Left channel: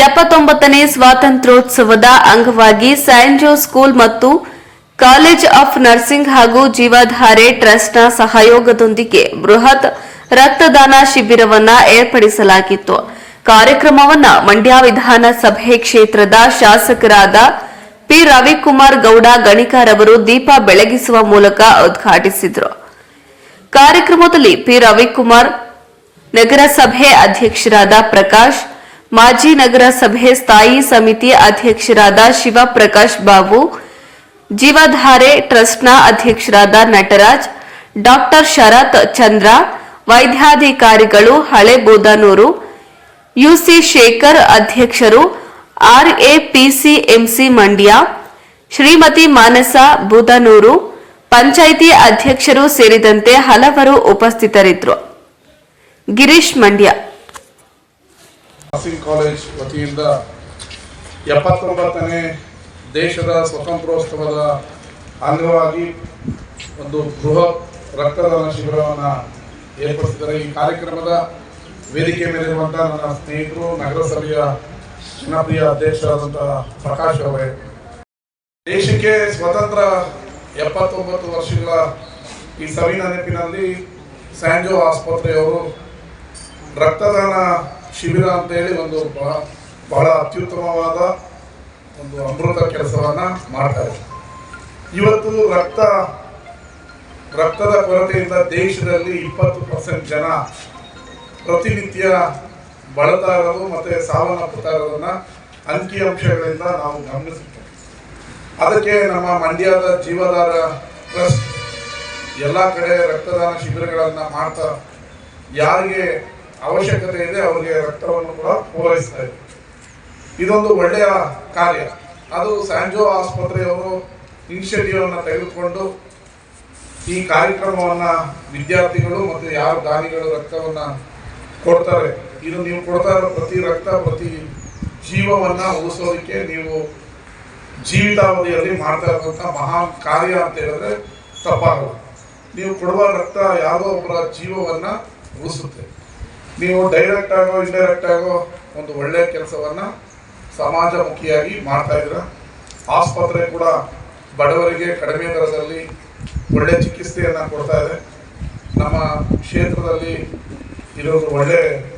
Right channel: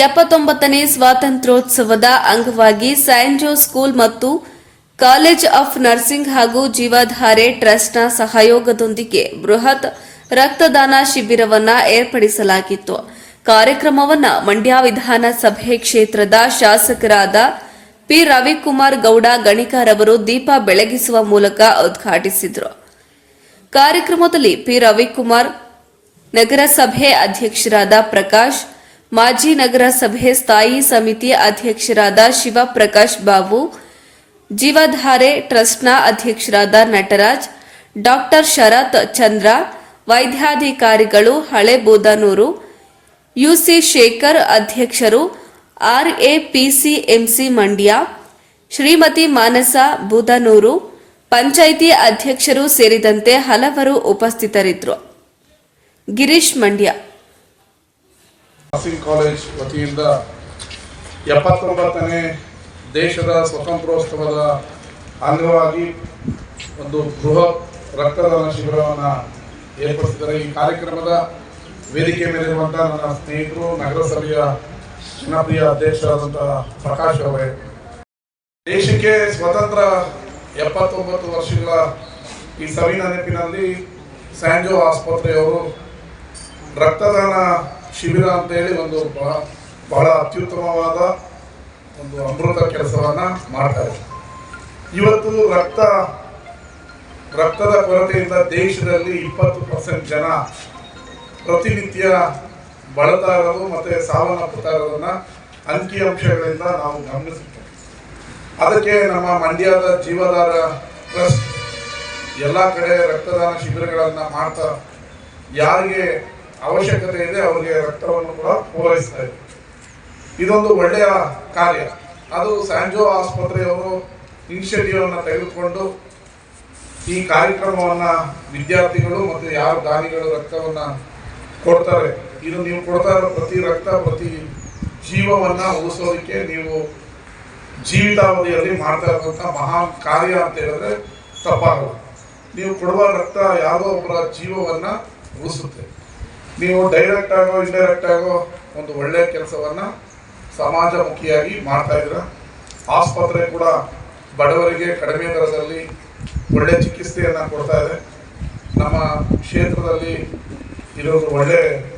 79ನೇ ಸ್ವಾತಂತ್ರ್ಯೋತ್ಸವದ ಅಂಗವಾಗಿ Saint Jose school ಮತ್ತು college of nursing ಹಾಗೂ ಜೀವಧಾರೆ ಟ್ರಸ್ಟ್ನ ಸಹಯೋಗದೊಂದಿಗೆ ಬೃಹತ್ ರಕ್ತದಾನ ಶಿಬಿರವನ್ನು ಏರ್ಪಡಿಸಲಾಗಿತ್ತು. ಕಾರ್ಯಕ್ರಮವನ್ನು ಮಂಡ್ಯ ವಿಧಾನಸಭೆ ಕ್ಷೇತ್ರದ ಶಾಸಕರಾದ ಪಿ ರವಿಕುಮಾರ್ ಗೌಡ ಗಣಿಕಾರವರು ದೀಪ ಬೆಳಗಿಸುವ ಮೂಲಕ ಉದ್ಘಾಟಿಸಿದರು. ಕಾರ್ಯಕ್ರಮದಲ್ಲಿ ಪಿ ರವಿಕುಮಾರ್, ನಗರಸಭೆ ಅಧ್ಯಕ್ಷರಾದ ಪ್ರಕಾಶ್, ಮಾಜಿ ನಗರಸಭೆ ಸ್ಥಾಯಿ ಸಮಿತಿ ಅಧ್ಯಕ್ಷರಾದ ಶಿವಪ್ರಕಾಶ್ ಬಾಬು, ಜೀವಧಾರೆ ಟ್ರಸ್ಟ್ನ ಅಧ್ಯಕ್ಷರಾದ ನಟರಾಜ್, ಡಾಕ್ಟರ್ ಶರತ್ ಚಂದ್ರ, ವೈದ್ಯಾಧಿಕಾರಿಗಳು, ಹಳೆಬೋದನೂರು, ಯುಸಿ ಶೇಖರ್ ಅಧ್ಯಕ್ಷರು, RAPCMC ಮಂಡ್ಯ, ಶ್ರೀಮತಿ ಮಾನಸ ಬೂದನೂರು, ಪಂಚಾಯಿತಿ ಅಧ್ಯಕ್ಷರು ಸೇರಿದಂತೆ ಹಲವರು ಉಪಸ್ಥಿತರಿದ್ದರು. ಗಿರೀಶ್ ಮಂಡ್ಯ. ನರ್ಸಿಂಗ್ ಕಾಲೇಜ್ ವತಿಯಿಂದ 79ನೇ ದೇಶದ ಸ್ವಾತಂತ್ರ್ಯೋತ್ಸವದ ಅಂಗವಾಗಿ ಒಂದು ಬೃಹತ್ ರಕ್ತದಾನ ಶಿಬಿರವನ್ನು ಏರ್ಪಡಿಸಿದ್ದಾರೆ. ಈ ಕಾರ್ಯಕ್ರಮದ ವೇದಿಕೆ ಮೇಲಿರುವಂತಹ ನನ್ನ ಸ್ನೇಹಿತರು, ನಗರಸಭೆಯ ಜನಪ್ರಿಯ ಅಧ್ಯಕ್ಷರಾದಂತಹ ಪ್ರಕಾಶ್ ಅವರೇ, ದೇಶಕ್ಕೆ ಸ್ವಾತಂತ್ರ್ಯ 79 ವರ್ಷಗಳ ಈ ಸವಿನ ನೆನಪಿನಲ್ಲಿ ಸ್ಯಾಂಜೋ ಆಸ್ಪತ್ರೆಯವರು ರಕ್ತದಾನ ಶಿಬಿರ ಅಂತೇಳಿ ಒಂದು ಬಹಳ ಅತ್ಯುತ್ತಮವಾದ ಒಂದು ಅಮೃತ ಕೆಲಸವನ್ನು ಮಾಡ್ತಾರೆ. ಇವತ್ತು ರಕ್ತದ ಕೊರತೆಯಿಂದ ದೇಶದಲ್ಲಿ 20% ಜನ ಪ್ರತಿನಿತ್ಯ ಬಳಲ್ತಾ ಇರೋದು ಮತ್ತು ಸಾವನ್ನಪ್ಪುತ್ತಾ ಇರೋದನ್ನು ಅಂಕಿಅಂಶಗಳಿಂದ ನಾವು ಗಮನಿಸುತ್ತೇವೆ. ಅದಕ್ಕೆ ನಮ್ಮ ಮಂಡ್ಯದ ಜೀವಧಾರ ಟ್ರಸ್ಟ್ ಎಲ್ಲ ಕಡೆ ರಕ್ತದಾನ ಶಿಬಿರಗಳನ್ನು ಮಾಡ್ತಾ ಯಾರಿಗೆ ಅವಶ್ಯಕತೆ ಇದೆ ಅವರಿಗೆ ರಕ್ತವನ್ನು ಕೂಡ ಪೂರೈಸ್ತಾ ಇದೆ. ಇದೊಂದು ಒಳ್ಳೆಯ ಕಾರ್ಯ. ಅದು ಸ್ಯಾಂಜೋ ಆಸ್ಪತ್ರೆಯವರು ಇನಿಷಿಯೇಟಿವ್ ಅನ್ನು ತೆಗೆದುಕೊಂಡು ಈ ಕಾರ್ಯಕ್ರಮವನ್ನು ವಿದ್ಯಾರ್ಥಿಗಳು ಮತ್ತು ಯಾರು ದಾನಿಗಳು ರಕ್ತವನ್ನು ಕೊಡ್ತಾರೆ, ಇದು ನೀವು ಕೊಡ್ತಾ ಇರೋ ಪ್ರತಿ ರಕ್ತ ಪ್ರತಿ ಜೀವವನ್ನು ಉಳಿಸೋದಕ್ಕೆ ನೀವು ಜೀವಿತಾವಧಿಯಲ್ಲಿ ಮಾಡ್ತಾ ಇರುವಂಥ ಮಹಾನ್ ಕಾರ್ಯ ಅಂತ ಹೇಳಿದ್ರೆ ತಪ್ಪಾಗಲ್ಲ. ನೀವು ಕೊಡುವ ರಕ್ತ ಯಾವುದೋ ಒಬ್ಬರ ಜೀವವನ್ನು ಉಳಿಸುತ್ತೆ. ನೀವು ಡೈರೆಕ್ಟ್ ಆಗೋ ಇಂಡೈರೆಕ್ಟ್ ಆಗೋ ಒಂದು ಒಳ್ಳೆಯ ಕೆಲಸವನ್ನು ಸಮಾಜಮುಖಿಯಾಗಿ ಮಾಡ್ತಾ ಇದ್ದೀರ. ಆಸ್ಪತ್ರೆ ಕೂಡ ಬಡವರಿಗೆ ಕಡಿಮೆ ದರದಲ್ಲಿ ಒಳ್ಳೆಯ ಚಿಕಿತ್ಸೆಯನ್ನು ಕೊಡ್ತಾ ಇದೆ. ನಮ್ಮ ಕ್ಷೇತ್ರದಲ್ಲಿ ಇರೋದು ಒಳ್ಳೆ